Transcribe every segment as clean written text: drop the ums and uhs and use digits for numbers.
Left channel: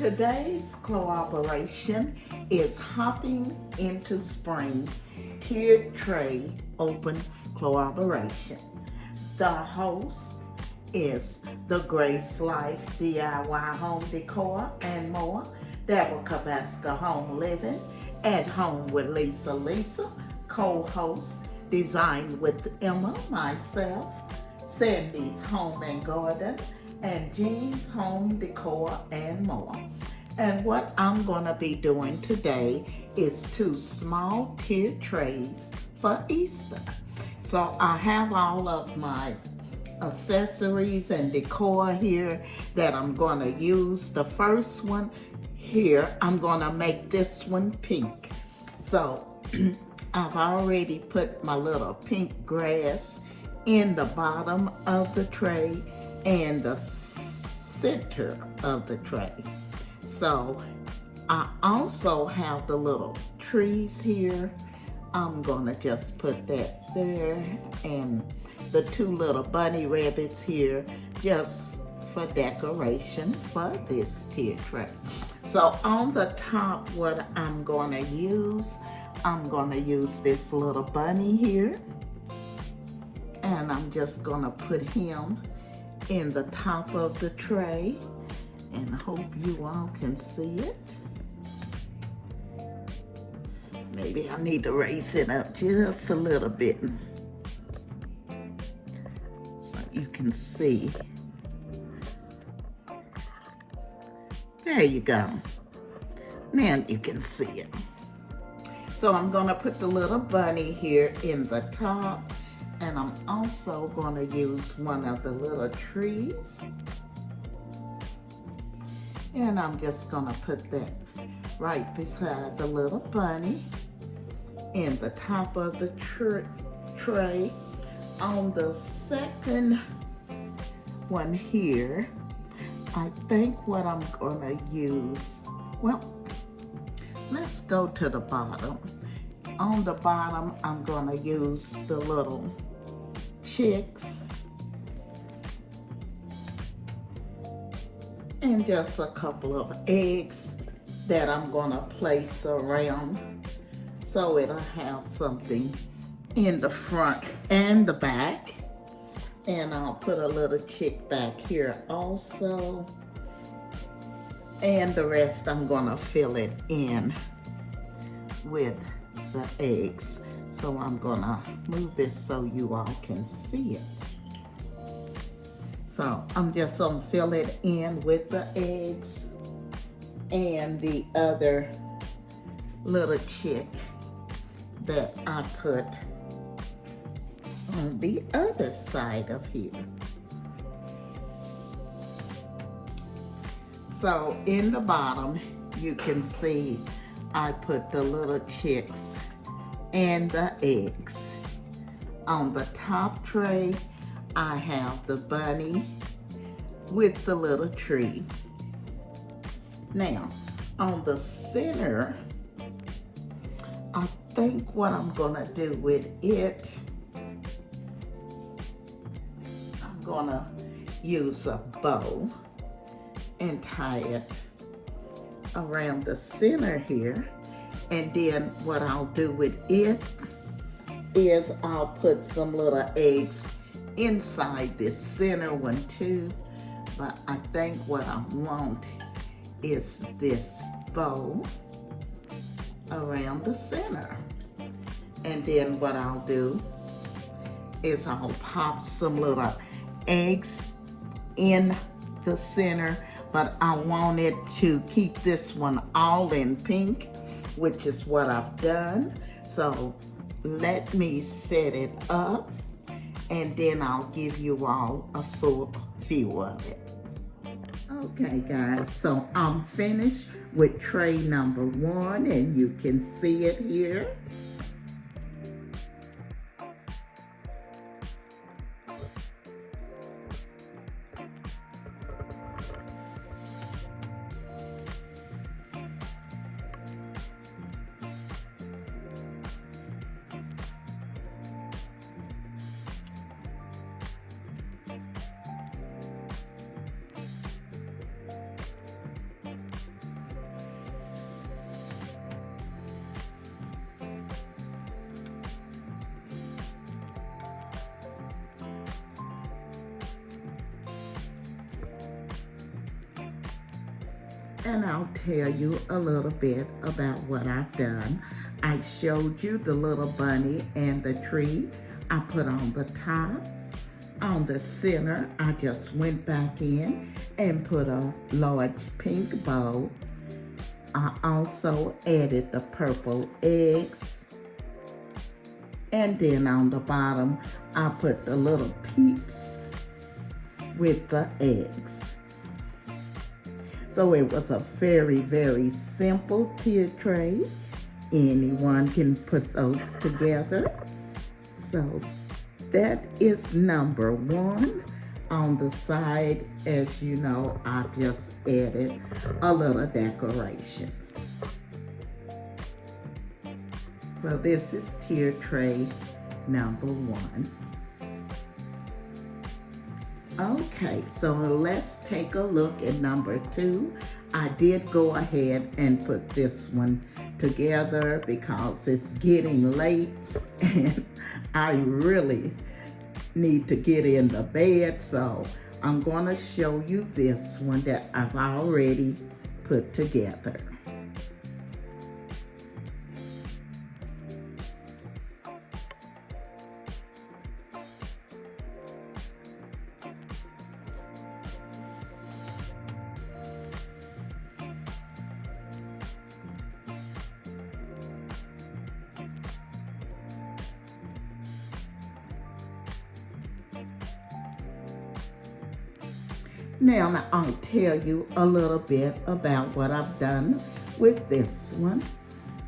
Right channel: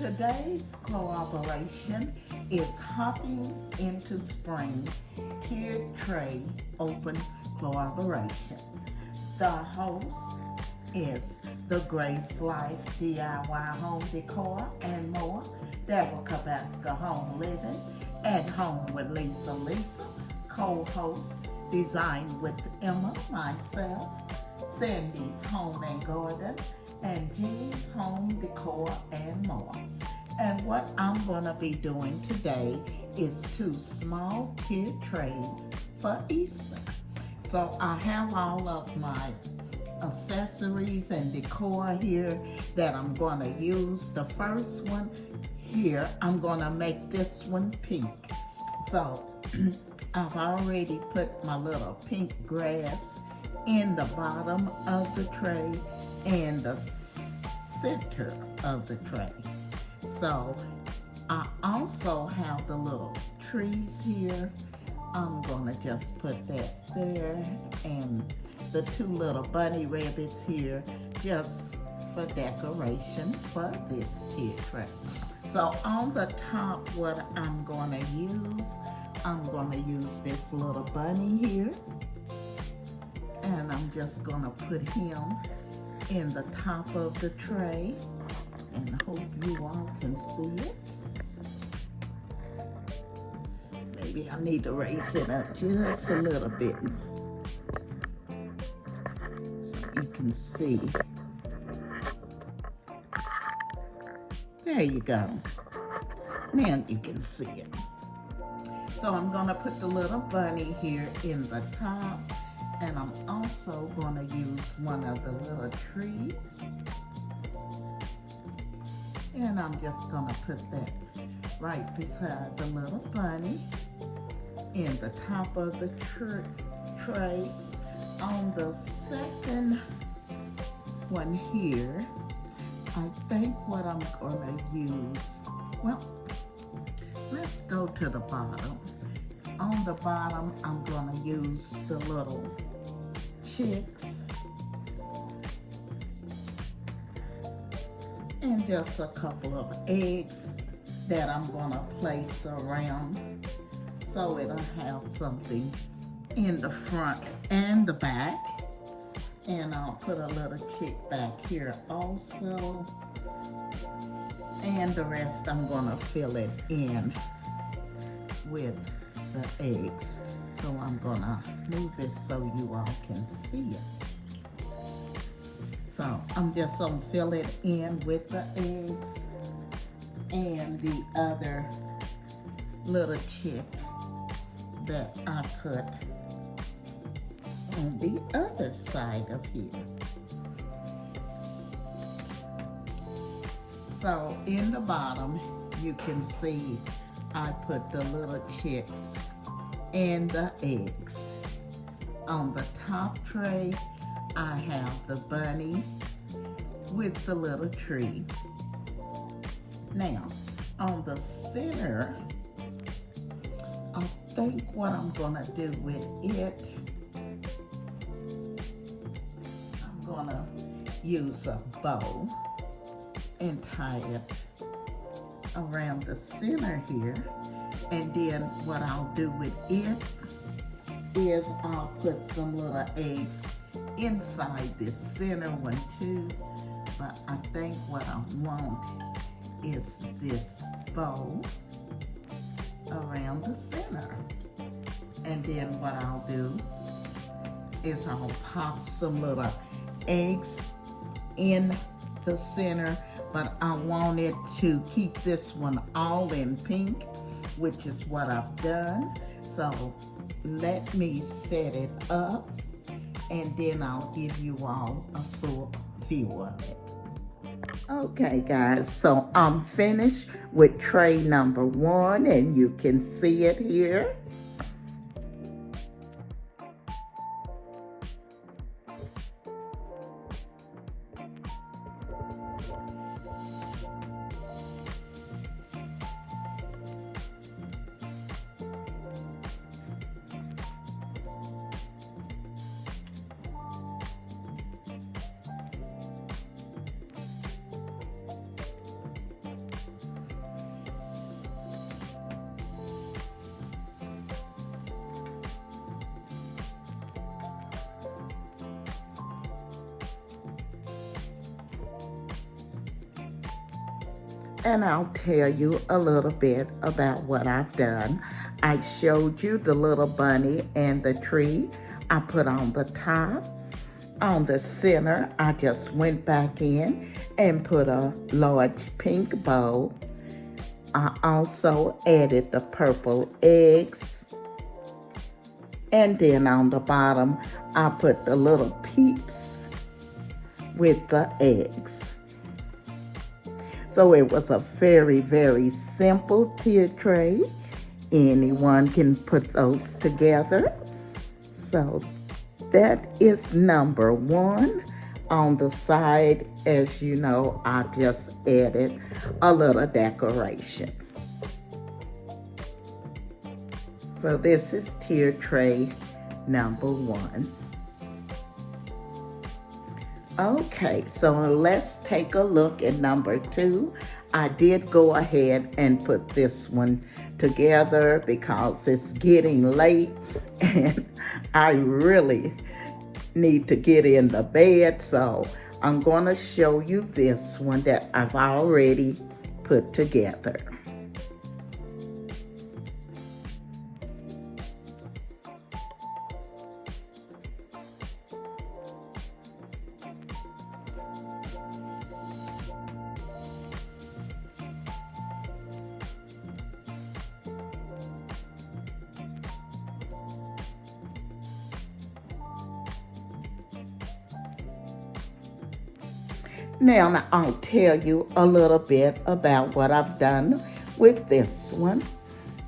Today's cooperation is Hopping into Spring Tiered Tray Open Cooperation. The host is the Grace Life DIY Home Decor and more. Deborah Kabaska Home Living at Home with Lisa, co-host Design with Emma, myself, Sandy's Home and Garden, and G's Home Decor and more. And what I'm going to be doing today is 2 small tiered trays for Easter. So I have all of my accessories and decor here that I'm going to use. The first one here, I'm going to make this one pink. So I've already put my little pink grass in the bottom of the tray and the center of the tray. So I also have the little trees here. I'm gonna just put that there, and the 2 little bunny rabbits here just for decoration for this tier tray. So on the top, what I'm gonna use this little bunny here, and I'm just gonna put him in the top of the tray, and I hope you all can see it. Maybe I need to raise it up just a little bit so you can see. There you go. Now you can see it. So I'm gonna put the little bunny here in the top, and I'm also going to use one of the little trees. And I'm just going to put that right beside the little bunny in the top of the tray. On the second one here, I think what I'm going to use, well, let's go to the bottom. On the bottom, I'm going to use the little chicks and just a couple of eggs that I'm going to place around so it'll have something in the front and the back. And I'll put a little chick back here also, and the rest I'm going to fill it in with the eggs. So I'm gonna move this so you all can see it. So I'm just gonna fill it in with the eggs and the other little chick that I put on the other side of here. So in the bottom, you can see I put the little chicks and the eggs. On the top tray, I have the bunny with the little tree. Now, on the center, I think what I'm gonna do with it, I'm gonna use a bow and tie it around the center here. And then what I'll do with it is I'll put some little eggs inside this center one too. But I think what I want is this bow around the center. And then what I'll do is I'll pop some little eggs in the center, but I want it to keep this one all in pink, which is what I've done. So let me set it up, and then I'll give you all a full view of it. Okay guys, so I'm finished with tray number 1, and you can see it here. and I'll tell you a little bit about what I've done. I showed you the little bunny and the tree I put on the top. On the center, I just went back in and put a large pink bow. I also added the purple eggs. And then on the bottom, I put the little peeps with the eggs. So it was a very, very simple tiered tray. Anyone can put those together. So that is number one. On the side, as you know, I just added a little decoration. So this is tier tray number one. Okay, so let's take a look at number two. I did go ahead and put this one together because it's getting late and I really need to get in the bed, so I'm going to show you this one that I've already put together. Now I'll tell you a little bit about what I've done with this one.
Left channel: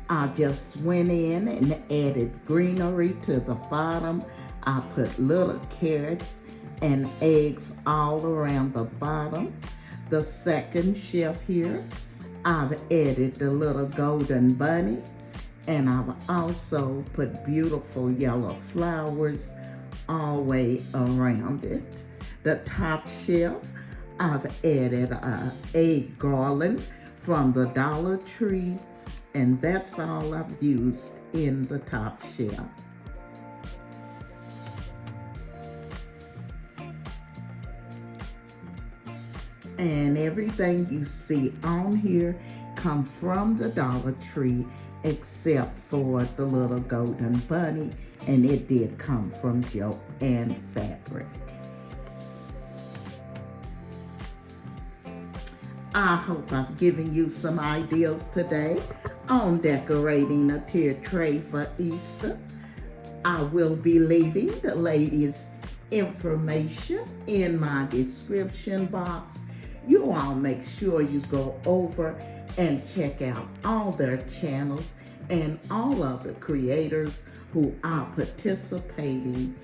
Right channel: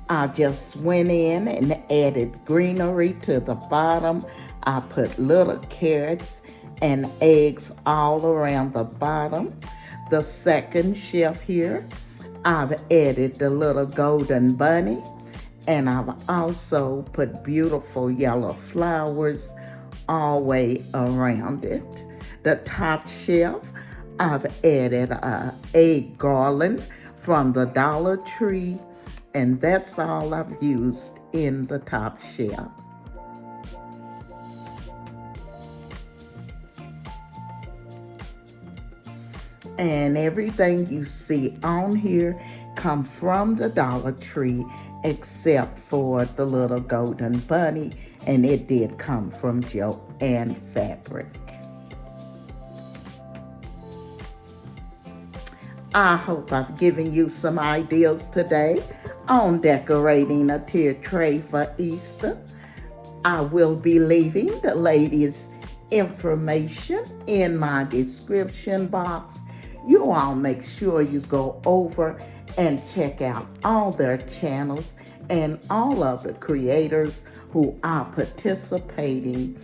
I just went in and added greenery to the bottom. I put little carrots and eggs all around the bottom. The second shelf here, I've added the little golden bunny, and I've also put beautiful yellow flowers all the way around it. The top shelf, I've added a egg garland from the Dollar Tree, and that's all I've used in the top shelf. And everything you see on here come from the Dollar Tree except for the little golden bunny, and it did come from Joann Fabric. I hope I've given you some ideas today on decorating a tier tray for Easter. I will be leaving the ladies' information in my description box. You all make sure you go over and check out all their channels and all of the creators who are participating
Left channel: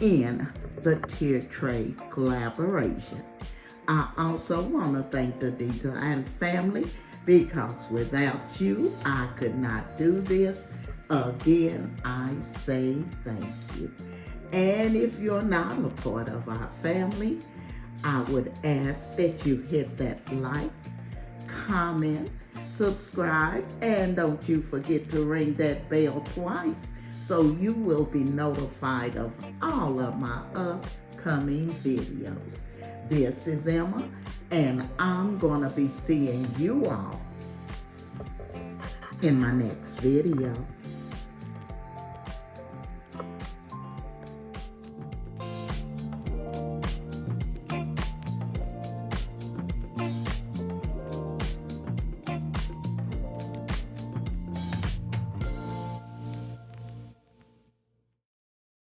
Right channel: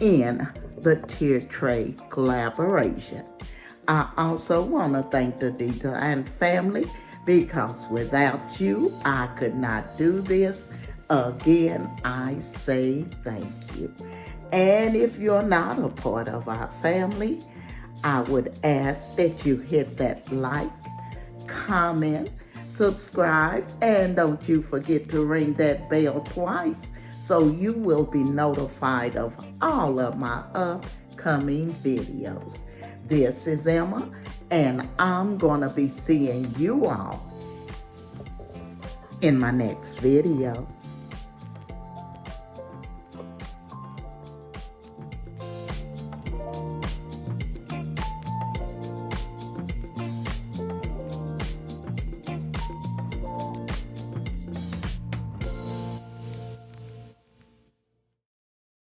in the tier tray collaboration. I also want to thank the Decor family because without you, I could not do this. Again, I say thank you. And if you're not a part of our family, I would ask that you hit that like, comment, subscribe, and don't you forget to ring that bell twice so you will be notified of all of my upcoming videos. This is Emma, and I'm gonna be seeing you all in my next video.